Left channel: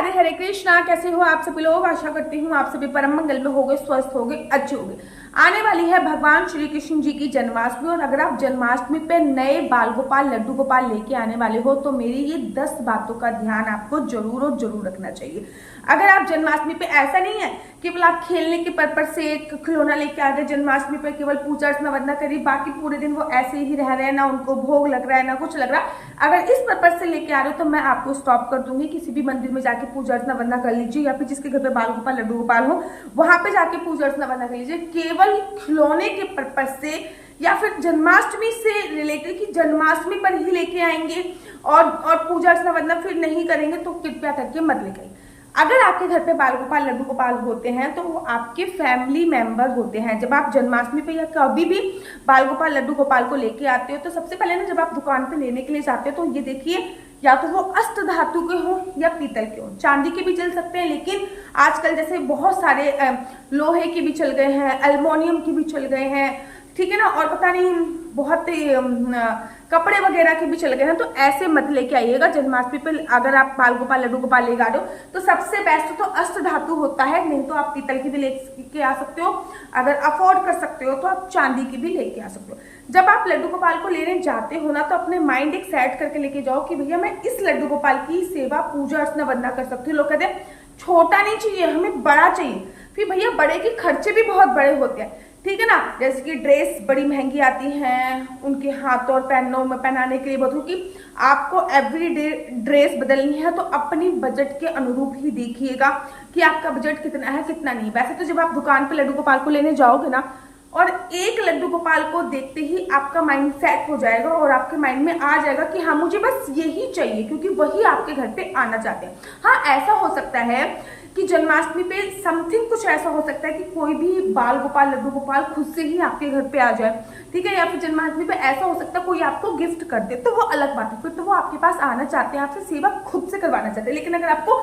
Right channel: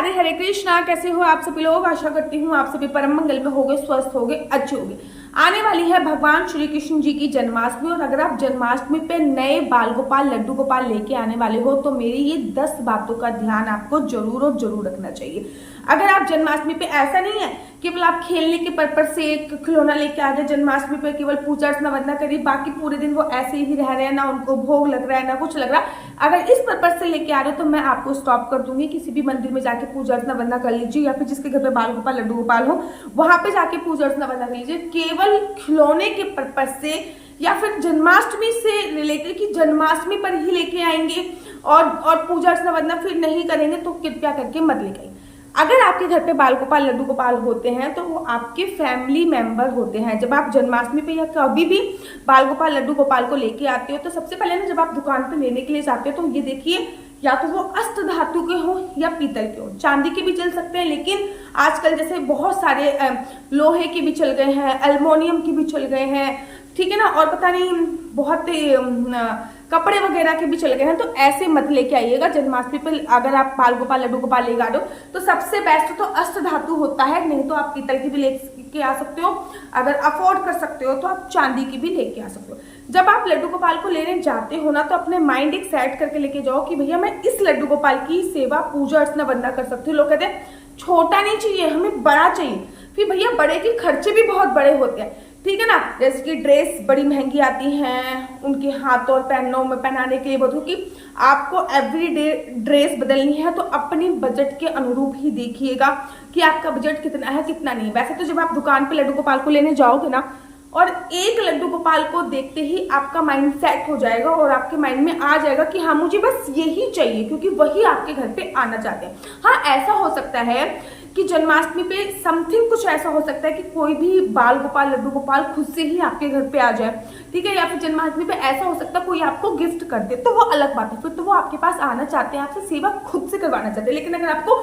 राधे, हरे कृष्णा। कैसे हो आप सभी लोग? आशा करती हूँ आप सभी परम मंगल में होगे, स्वस्थ होगे, अच्छे होगे। आने वाली है भगवान श्री कृष्ण जी की जन्माष्टमी, और अगर आप जन्माष्टमी पे नए बाल गोपाल, लड्डू गोपाल लेके आने वाले हो तो मेरी ये 10 बातों का ध्यान आपको जरूर और जरूर रखना चाहिए। अगर आप जन्माष्टमी पे, ऐसा नहीं है केवल आप खेलने के पर्पज से एक खिलौना लेके आ गए, जन्माष्टमी पे केवल पूजा अर्चना वंदना करी, बाकी पूरे दिन वो ऐसे ही रह रहे हैं, ना उनको भोग लग रहा है ना कुछ लग रहा है। अगर इस पर्पज से लेके आ रहे हो तो मैं आपको स्टॉप कर दूंगी। किसी भी मंदिर में जाके पूजा अर्चना वंदना कर लीजिए, या फिर जिसके घर पे बाल गोपाल लड्डू गोपाल हो वहां पे जाके पूजा अर्चना वंदना कर लीजिए। केवल खिलौने के पर्पज से या फिर जन्माष्टमी से रिलेटेड कि जन्माष्टमी पर ही लेके आएंगे और पूजा अर्चना वंदना फिर नहीं करेंगे तो कृपया करके मत लेके आइए। अगर आपके घर पे बाल गोपाल लड्डू गोपाल होते हैं तो वो आपके फैमिली मेंबर होते हैं। जब आप जन्माष्टमी पे या कभी भी बाल गोपाल लड्डू गोपाल को लेके आते हो तो सबसे पहले ना, जब आप दुकान पे लेने के लिए जाते हो तो ये देखिए, या तो वो अष्ट धातु के हो या पीतल के हो। चांदी के भी चल सकते हैं, लेकिन आजकल जैसे बहुत सारे लोहे के भी चल गए हैं, एल्युमिनियम के भी चल गए हैं, ठीक है ना, और पता नहीं बहुत कपड़े वगैरह के भी चल गए हैं। तो ऐसे मत लेके आइएगा जन्माष्टमी पे। अगर आप बाल गोपाल लड्डू गोपाल लेगा दो तो सबसे बेस्ट तो अष्ट धातु होता है, नहीं तो आप पीतल की भी लेके आ सकते हो। अगर अफोर्ड कर सकते हो तो आप चांदी की भी लेके आ सकते हो। जब आप लड्डू गोपाल को लेने जाते हो ना, तो अपने माइंड एक सेट करके लेके जाओ कि भैया मैं इस लड्डू गोपाल की सेवा पूजा अर्चना वंदना कर सकती हूँ। लोग कहते हैं छोटा नहीं चाहिए, हमें बड़ा चाहिए। फिर भैया बड़े के खर्चे भी बहुत बड़े होते हैं, ठीक है ना। जैसे कि ड्रेस बड़ी महंगी आती हैं, उनके हाथों और पैनों में पहनाने के लिए बहुत, क्योंकि आपको एवरीडे ड्रेस बदलनी है तो अपनी बजट के अनुरूप ही देखिएगा कि आपका बजट कितना है कितना नहीं। वैसे तो जब आप दुकान पे लड्डू गोपाल को लेने जाओगे ना, और एक लड्डू गोपाल को देखते ही आपका माइंड सेट हो जाएगा और आपके माइंड में आ जाएगा कि हाँ मुझे बस यही चाहिए, क्योंकि वही आपके घर पे आना चाहते हैं। हाँ, ऐसा हो सकता है कि जन्माष्टमी पे समथिंग कुछ ऐसा हो सकता है कि कोई भी बाल गोपाल लड्डू गोपाल खुद से ही आपके घर पे आ जाए, ठीक है। या फिर जन्माष्टमी पे ऐसा हो सकता है कोई आपको गिफ्ट कर दे, तो वो अलग बात है, फिर तो वो आपके पास आना चाहते हैं, आपसे सेवा खुद से करवाना चाहते हैं। लेकिन अगर आपको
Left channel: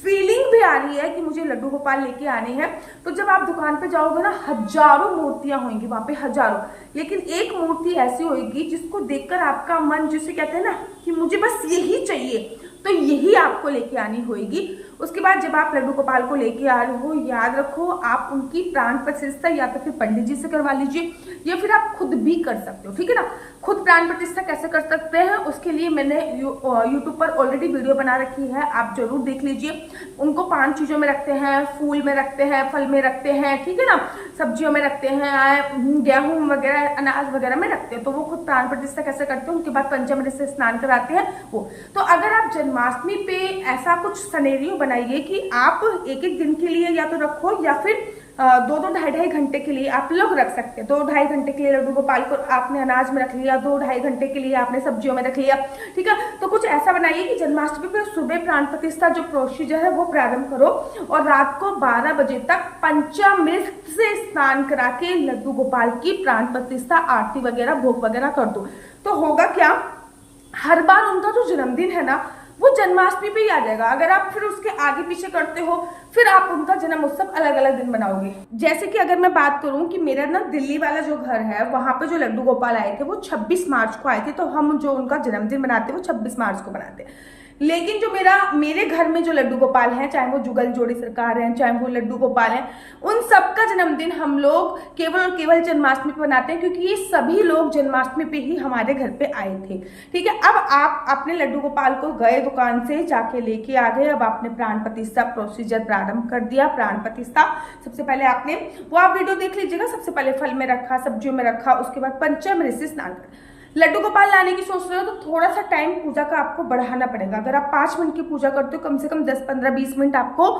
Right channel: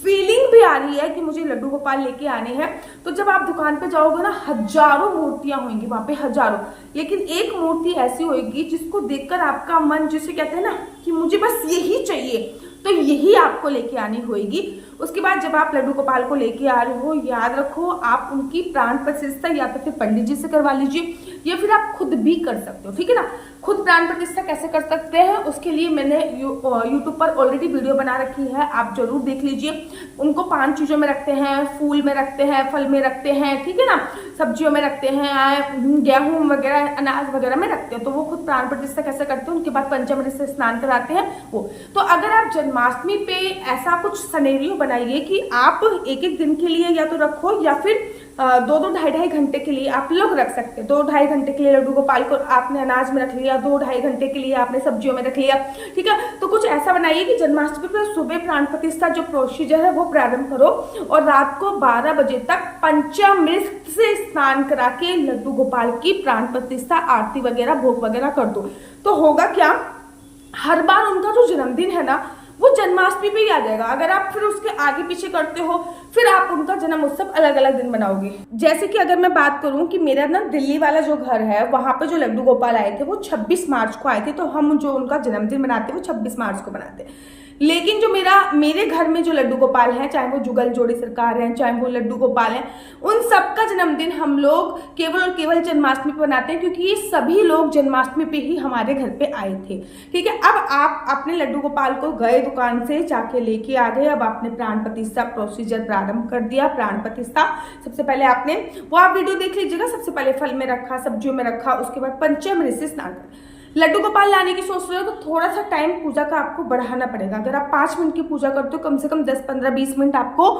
फीलिंग भी आ रही है कि मुझे लड्डू गोपाल लेके आने हैं, तो जब आप दुकान पे जाओगे ना, हजारों मूर्तियां होंगी वहां पे, हजारों, लेकिन एक मूर्ति ऐसी होगी जिसको देखकर आपका मन, जिसे कहते हैं ना कि मुझे बस यही चाहिए, तो यही आपको लेके आनी होगी। उसके बाद जब आप लड्डू गोपाल को लेके आ रहे हो, याद रखो आप उनकी प्राण प्रतिष्ठा या तो फिर पंडित जी से करवा लीजिए, या फिर आप खुद भी कर सकते हो, ठीक है ना। खुद प्राण प्रतिष्ठा कैसे कर सकते हैं उसके लिए मैंने यूट्यूब पर ऑलरेडी वीडियो बना रखी है, आप जरूर देख लीजिए। उनको 5 चीजों में रखते हैं, फूल में रखते हैं, फल में रखते हैं, ठीक है ना, सब्जियों में रखते हैं, गेहूं वगैरह अनाज वगैरह में रखते हैं। तो वो खुद प्राण प्रतिष्ठा कैसे करते हैं, उनके बाद पंचामृत से स्नान कराते हैं वो। तो अगर आप जन्माष्टमी पे ऐसा कुछ सिनेरियो बनाइए कि आप एक एक दिन के लिए या तो रखो, या फिर 2-2 ढाई-ढाई घंटे के लिए आप लोग रख सकते हैं। 2-2.5 घंटे के लिए लड्डू गोपाल को आपने अनाज में रख लिया, 2-2.5 घंटे के लिए आपने सब्जियों में रख लिया, ठीक है। तो कुछ ऐसा बनाइए कि जन्माष्टमी पर सुबह प्राण प्रतिष्ठा जो प्रोसीजर है वो प्रारंभ करो, और रात को 12 बजे तक पंचामृत से स्नान करा के लड्डू गोपाल की प्राण प्रतिष्ठा, आरती वगैरह, भोग वगैरह कर दो। तो होगा क्या, हर बार उनका जो जन्मदिन है ना वो जन्माष्टमी पे ही आ जाएगा। अगर आप फिर उसके आगे पीछे करते हो, फिर आप उनका जन्म उत्सव अलग अलग दिन बनाओगे। जैसे कि अगर मैं बात करूं कि मेरा ना दिल्ली वाला जो घर है, वहां पे जो लड्डू गोपाल आए थे वो 26 मार्च को आए थे, तो हम जो उनका जन्मदिन मनाते हैं वो 26 मार्च को मनाते हैं। लेकिन जो मेरे घर में जो लड्डू गोपाल हैं, चाहे वो जुगल जोड़ी सरकार हैं, चाहे वो लड्डू गोपाल हैं, उन सबका जन्मदिन हम लोग केवल और केवल जन्माष्टमी पे मनाते हैं, क्योंकि ये सभी लोग जन्माष्टमी पे ही हमारे घर पे आए थे, ठीक है। अब आप अपने लड्डू गोपाल को गए दुकान से जाके लेके आ गए, अब आपने प्राण प्रतिष्ठा प्रोसीजर प्रारंभ कर दिया। प्राण प्रतिष्ठा सबसे पहले आपने, वो आप वीडियो देख लीजिएगा, सबसे पहले फल में रखा, सब्जियों में रखा, उसके बाद पंचामृत से स्नान कर। लड्डू गोपाल लाने की सोच रहे हो तो थोड़ा सा टाइम पूजा का आपको बढ़ाना पड़ेगा। अगर आप 5 मिनट की पूजा करते हो, कम से कम 10, 15, 20 मिनट आपको,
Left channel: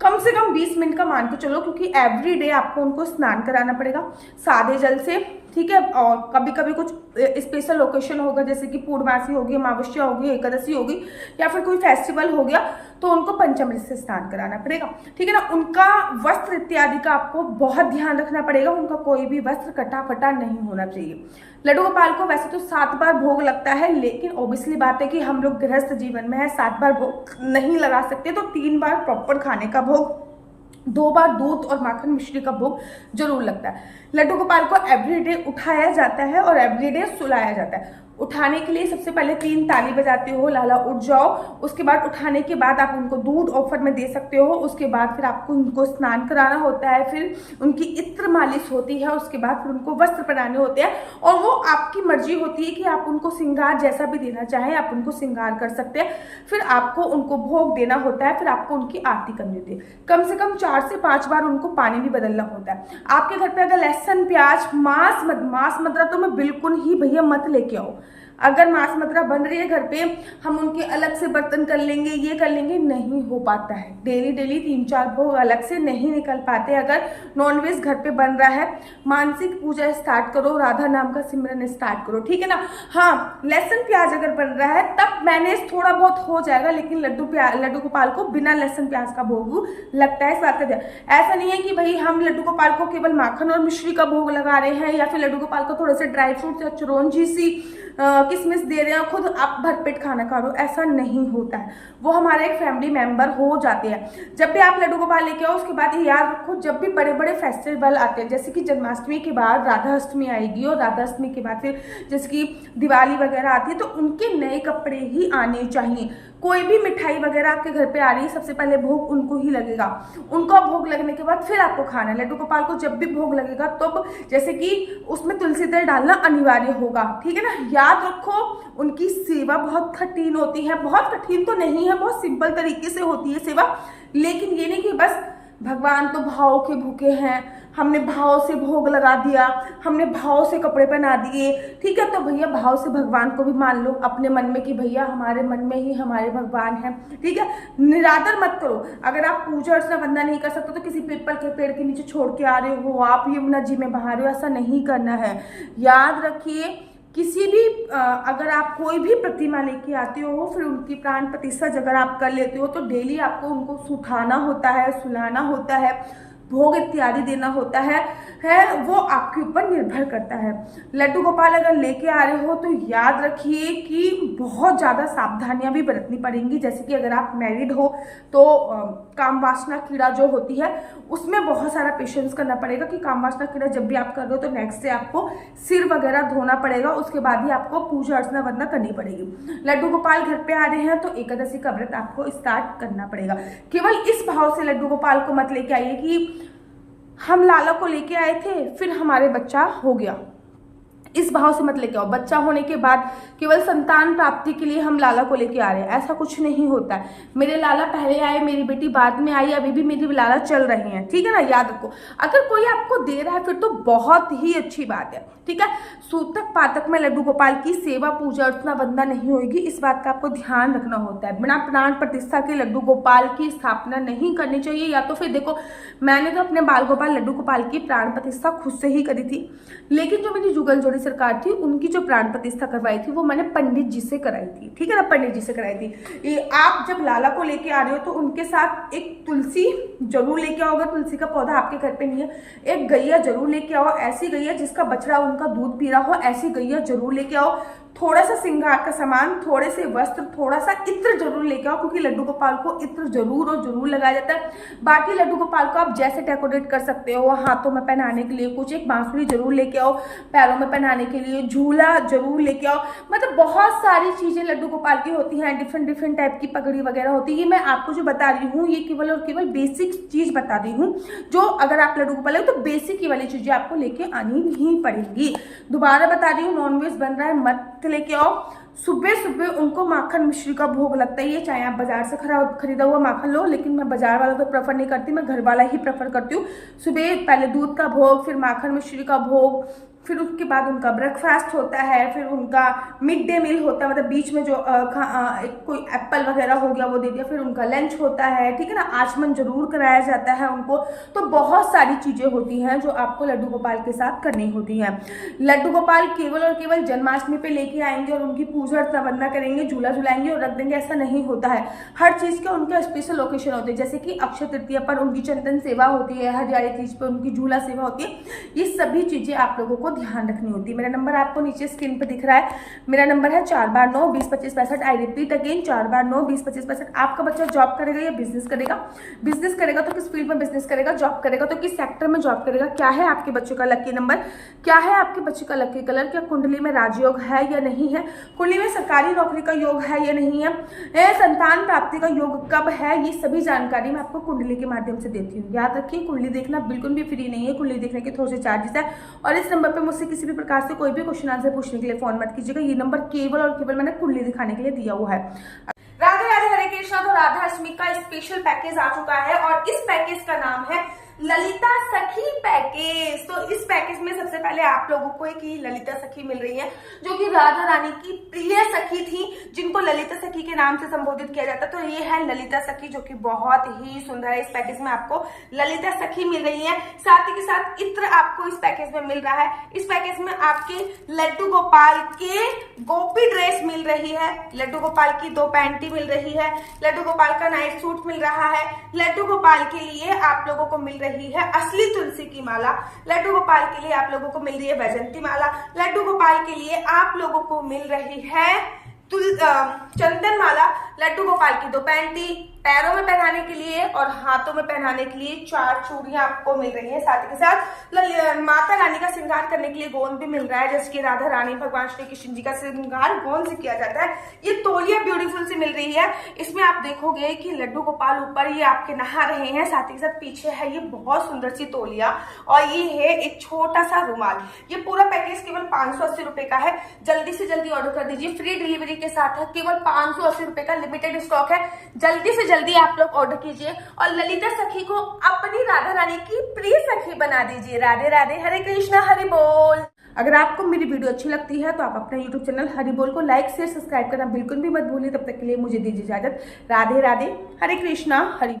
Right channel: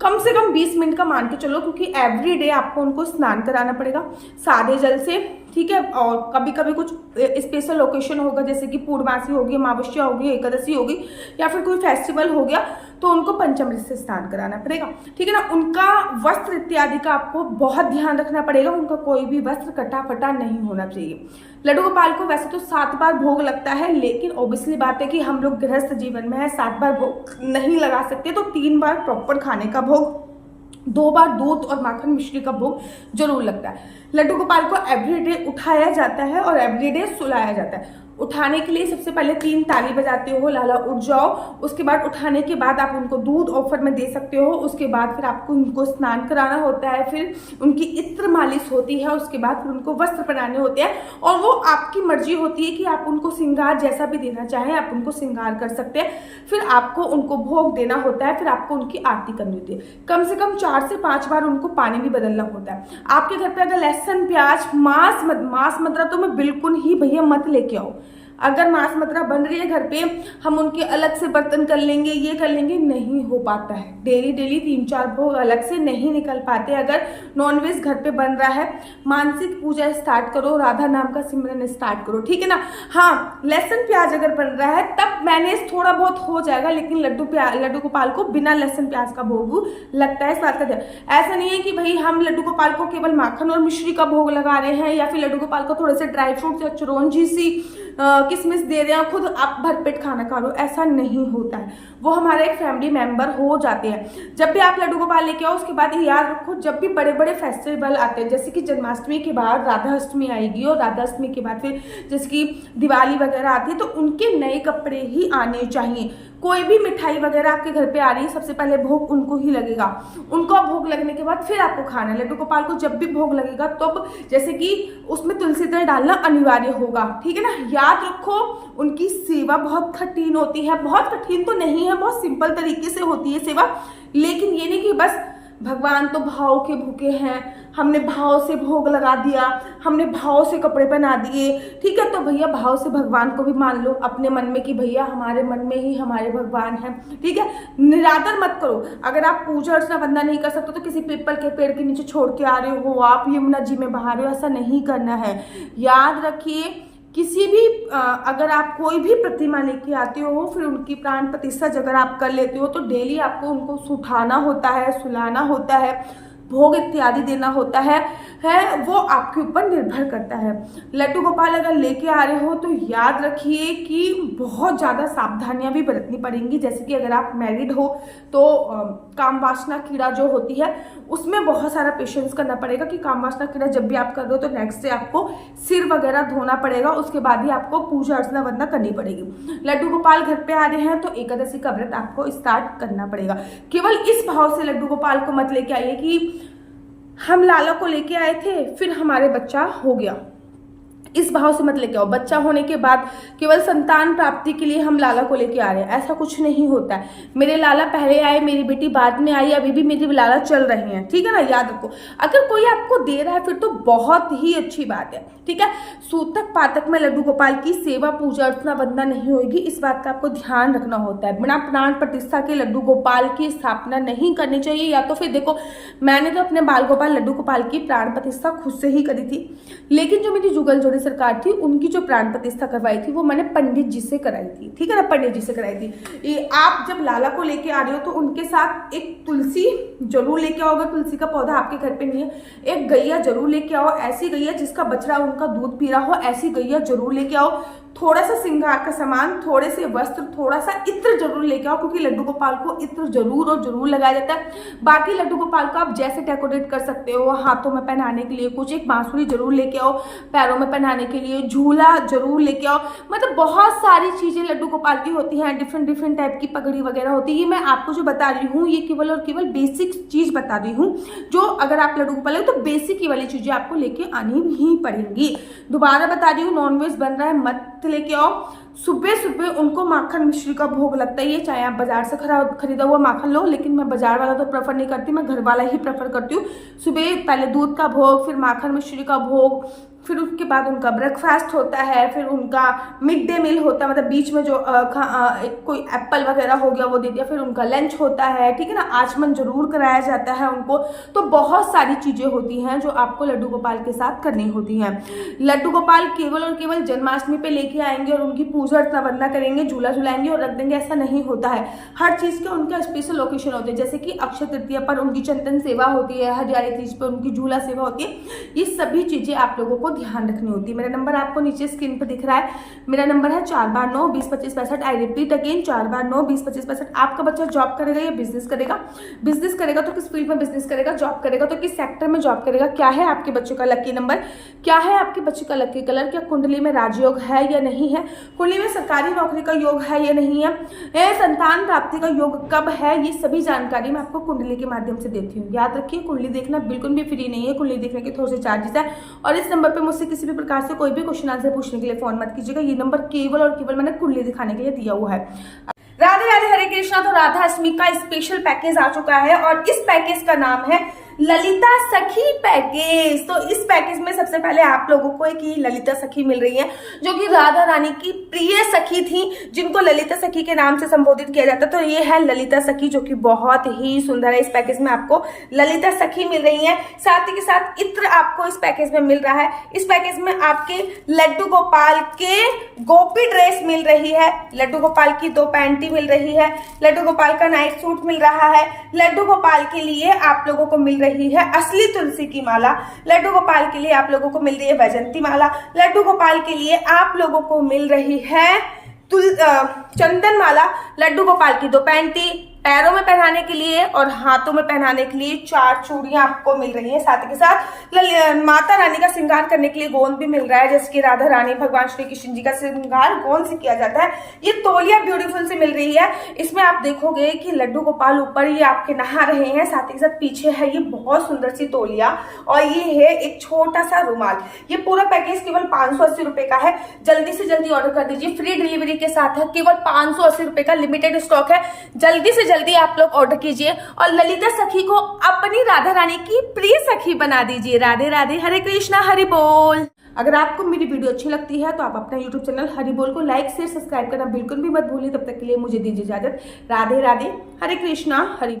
कम से कम 20 मिनट का मान के चलो, क्योंकि एवरीडे आपको उनको स्नान कराना पड़ेगा सादे जल से, ठीक है। और कभी कभी कुछ स्पेशल ओकेशन होगा, जैसे कि पूर्णमासी होगी, अमावस्या होगी, एकादशी होगी, या फिर कोई फेस्टिवल हो गया, तो उनको पंचामृत से स्नान कराना पड़ेगा, ठीक है ना। उनका वस्त्र इत्यादि का आपको बहुत ध्यान रखना पड़ेगा, उनका कोई भी वस्त्र कटा फटा नहीं होना चाहिए। लड्डू गोपाल को वैसे तो 7 बार भोग लगता है, लेकिन ऑब्वियसली बात है कि हम लोग गृहस्थ जीवन में है, 7 बार भोग नहीं लगा सकते, तो 3 बार प्रॉपर खाने का भोग, 2 बार दूध और माखन मिश्री का भोग जरूर लगता है। लड्डू गोपाल को एवरीडे उठाया जाता है और एवरीडे सुलाया जाता है। उठाने के लिए सबसे पहले 3 ताली बजाते हो, लाला उठ जाओ। उसके बाद उठाने के बाद आप उनको दूध ऑफर में दे सकते हो। उसके बाद फिर आपको उनको स्नान कराना होता है, फिर उनकी इत्र मालिश होती है, उसके बाद फिर उनको वस्त्र पहनाने होते हैं। और वो आपकी मर्जी होती है कि आप उनको श्रृंगार जैसा भी देना चाहें, आप उनको श्रृंगार कर सकते हैं। फिर आपको उनको भोग देना होता है, फिर आपको उनकी आरती करनी होती है। कम से कम 4 से 5 बार उनको पानी भी बदलना होता है। आपके घर पे अगर लहसुन, प्याज, मांस मदिरा तो मैं बिल्कुल ही भैया मत लेके आओ। अगर मांस मदिरा बन रही है घर पे, हम उनके अलग से बर्तन कर लेंगे, ये कर लेंगे, नहीं हो पाता है। डेली 3-4 भोग अलग से नहीं निकल पाते। अगर नॉनवेज घर पे बन रहा है, मानसिक पूजा स्टार्ट करो, राधा नाम का सिमरन स्टार्ट करो, ठीक है ना। हाँ, लहसुन प्याज अगर बन रहा है तब मैनेज थोड़ा बहुत हो जाएगा, लेकिन लड्डू गोपाल को बिना लहसुन प्याज का भोग लगता है। इस बात का ध्यान, ऐसा नहीं है कि भाई हम लड्डू गोपाल को केवल माखन और मिश्री का भोग लगा रहे हैं, या फिर लड्डू गोपाल को थोड़े से ड्राई फ्रूट या चिरौंजी सी किसमिस दे रहे हैं, खुद आप भरपेट खाना खा रहे हो, ऐसा नहीं होता है। वो हमारे एक फैमिली मेंबर हो जाते हैं। जब भी आप लड्डू गोपाल लेके आओ, उसके बाद याद रखो, जब भी बड़े बड़े फेस्टिवल आते हैं, जैसे कि जन्माष्टमी के बाद राधा अष्टमी आएगी, और राधा अष्टमी के बाद फिर जैसे कि दिवाली वगैरह आती है, तो उनके नए कपड़े ही आने चाहिए। कोई भी मिठाई वगैरह आपके घर पे आ रही है, सबसे पहले भोग उनको ही लगेगा। उनको भोग लगने के बाद फिर आपको खाना है। लड्डू गोपाल को जब भी भोग लगेगा तब जैसे कि उसमें तुलसी तेल डालना अनिवार्य होगा, ठीक है ना। याद रखो, उनकी सेवा बहुत कठिन होती है। बहुत कठिन तो नहीं है, बहुत सिंपल तरीके से होती है सेवा। लेकिन ये नहीं कि बस भगवान तो भाव के भूखे हैं, हमने भाव से भोग लगा दिया, हमने भाव से कपड़े पहना दिए, ठीक है। तो भैया भाव से भगवान को भी मान लो अपने मन में कि भैया हमारे मन में ही हमारे भगवान हैं, ठीक है। निरादर मत करो। अगर आप पूजा अर्चना वंदना नहीं कर सकते तो किसी पीपल के पेड़ के नीचे छोड़ के आ रहे हो, आप यमुना जी में बहा रहे हो, ऐसा नहीं करना है। याद रखिए, किसी भी अगर आप कोई भी प्रतिमा लेके आते हो, फिर उनकी प्राण प्रतिष्ठा अगर आप कर लेते हो, तो डेली आपको उनको सुठाना होता है, सुलाना होता है, भोग इत्यादि देना होता है, वो आपके ऊपर निर्भर करता है। लड्डू गोपाल अगर लेके आ रहे हो तो याद रखिए कि बहुत ज़्यादा सावधानियां भी बरतनी पड़ेंगी। जैसे कि अगर आप मैरिड हो तो काम वासना कीड़ा जो होती है, उसमें बहुत सारा पेशेंस करना पड़ेगा कि काम वासना कीड़ा जब भी आप कर रहे हो तो नेक्स्ट डे आपको सिर वगैरह धोना पड़ेगा, उसके बाद ही आपको पूजा अर्चना वंदना करनी पड़ेगी। लड्डू गोपाल घर पे आ रहे हैं तो एकादशी का व्रत आपको स्टार्ट करना पड़ेगा। केवल इस भाव से लड्डू गोपाल को मत लेके आइए कि हम लाला को लेके आए थे फिर हमारे बच्चा हो गया, इस भाव से मत लेके आओ। बच्चा होने के बाद केवल संतान प्राप्ति के लिए हम लाला को लेके आ रहे हैं, ऐसा कुछ नहीं होता है। मेरे लाला पहले आए, मेरी बेटी बाद में आई, अभी भी मेरी लाला चल रही हैं, ठीक है ना। याद रखो, अगर कोई आपको दे रहा है फिर तो बहुत ही अच्छी बात है, ठीक है। सूतक पातक में लड्डू गोपाल की सेवा पूजा अर्चना वंदना नहीं होगी, इस बात का आपको ध्यान रखना होता है। बिना प्राण प्रतिष्ठा के लड्डू गोपाल की स्थापना नहीं करनी चाहिए। या तो फिर देखो, मैंने तो अपने बाल गोपाल लड्डू गोपाल की प्राण प्रतिष्ठा खुद से ही करी थी, लेकिन जो मेरी जुगल जोड़ी सरकार थी उनकी जो प्राण प्रतिष्ठा करवाई थी वो मैंने पंडित जी से कराई थी, ठीक है ना, पंडित जी से कराई थी। आप जब लाला को लेके आ रहे हो तो उनके साथ एक तुलसी जरूर लेके आओ। अगर तुलसी का पौधा आपके घर पे नहीं है, एक गैया जरूर लेके आओ। ऐसी गैया जिसका बछड़ा उनका दूध पी रहा हो, ऐसी गैया जरूर लेके आओ। थोड़ा सा श्रृंगार का सामान, थोड़े से वस्त्र, थोड़ा सा इत्र जरूर लेके आओ, क्योंकि लड्डू गोपाल को इत्र जरूर और जरूर लगाया जाता है। बाकी लड्डू गोपाल को आप जैसे डेकोरेट कर सकते हो, हाथों में पहनाने के लिए कुछ, एक बांसुरी जरूर लेके आओ, पैरों में पहनाने के लिए झूला जरूर लेके आओ। मतलब बहुत सारी चीजें लड्डू गोपाल की होती हैं, डिफरेंट टाइप की पगड़ी वगैरह होती है। ये मैं आपको जो बता रही हूँ ये केवल और केवल बेसिक चीज बता रही हूँ, जो अगर आप लड्डू गोपाल हो तो बेसिक वाली चीजें आपको लेके आनी ही पड़ेंगी। दोबारा बता रही हूँ, नॉनवेज बन रहा है मत लेके आओ। सुबह सुबह उनको माखन मिश्री का भोग लगता है, ये चाहे आप बाजार से खरीदा हुआ माखन लो, लेकिन मैं बाजार वाला तो प्रेफर नहीं करती, मैं घर वाला ही प्रेफर करती हूँ। सुबह पहले दूध का भोग, फिर माखन मिश्री का भोग, फिर उसके बाद उनका ब्रेकफास्ट होता है, फिर उनका मिड डे मील होता है, मतलब बीच में जो कोई एप्पल वगैरह हो गया वो दे दिया, फिर उनका लंच होता है, ठीक है ना। आचमन जरूर कराया जाता है उनको। तो बहुत सारी चीजें होती हैं जो आपको लड्डू गोपाल के साथ करनी होती हैं। लड्डू गोपाल केवल और केवल जन्माष्टमी पे लेके आएंगे और उनकी पूजा अर्चना वंदना करेंगे, झूला झुलाएंगे और रख देंगे, ऐसा नहीं होता है। हर चीज के उनका स्पेशल लोकेशन होते हैं। जैसे कि अक्षय तृतीया पर उनकी चंदन सेवा होती है, हरियाली तीज पर उनकी झूला सेवा होती है। ये सभी चीजें आप लोगों को ध्यान रखनी होती है। मेरा नंबर आपको नीचे स्क्रीन पर दिख रहा है, मेरा नंबर है 4/9-20-25-65। I repeat again 4/9-20-25-65। आपका बच्चा जॉब करेगा या बिजनेस करेगा? बिजनेस करेगा तो किस फील्ड में बिजनेस करेगा? जॉब करेगा तो किस सेक्टर में जॉब करेगा? क्या है आपके बच्चे का लकी नंबर? क्या है आपके बच्चे का लकी कलर? क्या कुंडली में राजयोग है या नहीं है? कुंडली में सरकारी नौकरी का योग है या नहीं है? संतान प्राप्ति का योग कब है? ये सभी जानकारी मैं आपको कुंडली के माध्यम से देती हूँ। याद रखिए, कुंडली देखना बिल्कुल भी फ्री नहीं है। कुंडली देखने के थोड़े से चार्जेस है और इस नंबर पे मुझसे किसी भी प्रकार से कोई भी क्वेश्चन आंसर पूछने के लिए फोन मत कीजिएगा। ये नंबर केवल और केवल मैंने कुंडली दिखाने के लिए दिया हुआ है। राधे राधे, हरे कृष्णा। तो राधा अष्टमी का स्पेशल पैकेज आ चुका है और इस पैकेज का नाम है ललिता सखी पैकेज। तो इस पैकेज में सबसे पहले आप लोगों को एक ललिता सखी मिल रही है, जो कि राधा रानी की प्रिय सखी थी, जिनको ललिता सखी के नाम से संबोधित किया जाता है। तो ये है ललिता सखी, जो कि बहुत ही सुंदर है। इस पैकेज में आपको ललिता सखी मिल रही है, साथ ही के साथ इत्र आपको इस पैकेज में मिल रहा है। इस पैकेज में आपके लड्डू गोपाल के गोपी ड्रेस मिल रही है, लड्डू गोपाल की 2 पैंटी मिल रही है, लड्डू गोपाल का नाइट सूट मिल रहा है, लड्डू गोपाल के लिए आप लोगों को मिल रही है असली तुलसी की माला, लड्डू गोपाल के लिए आप लोगों को मिल रही है वैजंती माला, लड्डू गोपाल के लिए आप लोगों को मिल रही है चंदन माला, लड्डू गोपाल की 2 पैंटी, पैरों में पहनाने के लिए और हाथों में पहनाने के लिए 4 चूड़ियां आपको मिल रही है। साथ ही के साथ माता रानी का श्रृंगार करने के लिए गोंद भी मिल रहा है, जैसे कि राधा रानी भगवान श्री कृष्ण जी का श्रृंगार गोंद से किया जाता है। ये तौलिया ब्यूटीफुल से मिल रही है। इसमें आप देखोगे कि लड्डू गोपाल ऊपर ये आपके नहा रहे हैं, साथ ही साथ पीछे है ये बहुत सुंदर सी तौलिया और ये है एक छोटा सा रुमाल। ये पूरा पैकेज केवल 580 रुपए का है। जल्दी से जल्दी ऑर्डर कर दीजिए, फ्री डिलीवरी के साथ है। केवल 580 रुपए का लिमिटेड स्टॉक है। जल्दी से जल्दी आप लोग ऑर्डर कीजिए और ललिता सखी को अपनी राधा रानी की प्रिय सखी बना दीजिए। राधे राधे, हरे कृष्णा, हरि बोल। अगर आपको मेरी वीडियो अच्छी लगती है तो आप अपना YouTube चैनल हरि बोल को लाइक शेयर सब्सक्राइब करना बिल्कुल भी मत भूलिए। तब तक के लिए मुझे दीजिए इजाजत। राधे राधे, हरे कृष्णा, हरि